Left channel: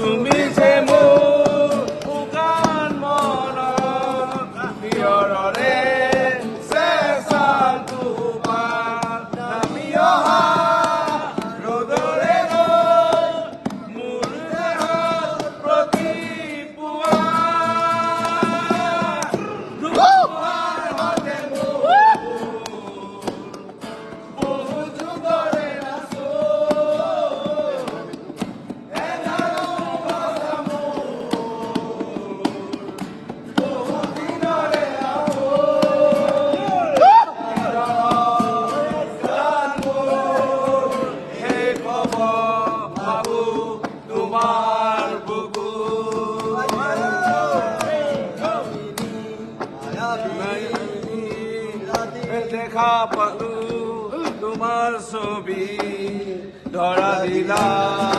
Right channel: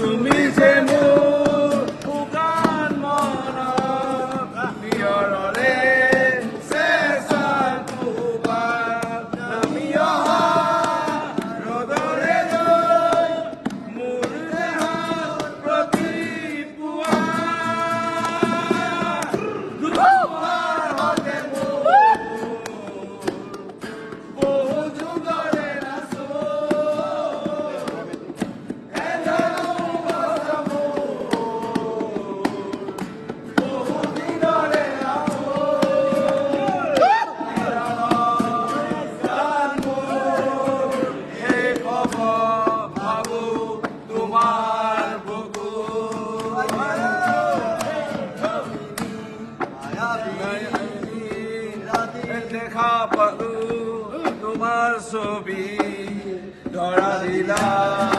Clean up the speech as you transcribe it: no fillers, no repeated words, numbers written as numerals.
তুমি যে মোৰ শুকান মনত নিয়ৰৰে চেঁচা দুপাত নামি অহা ৰ'দৰে ৰৈ মোৰ দেহত প্ৰতিপুৱা ধুমুহাৰ সৈতে বহু যুগৰে তোমাৰ বুকু দেখা পালু তোমাৰ ছবি ধৰা দিলা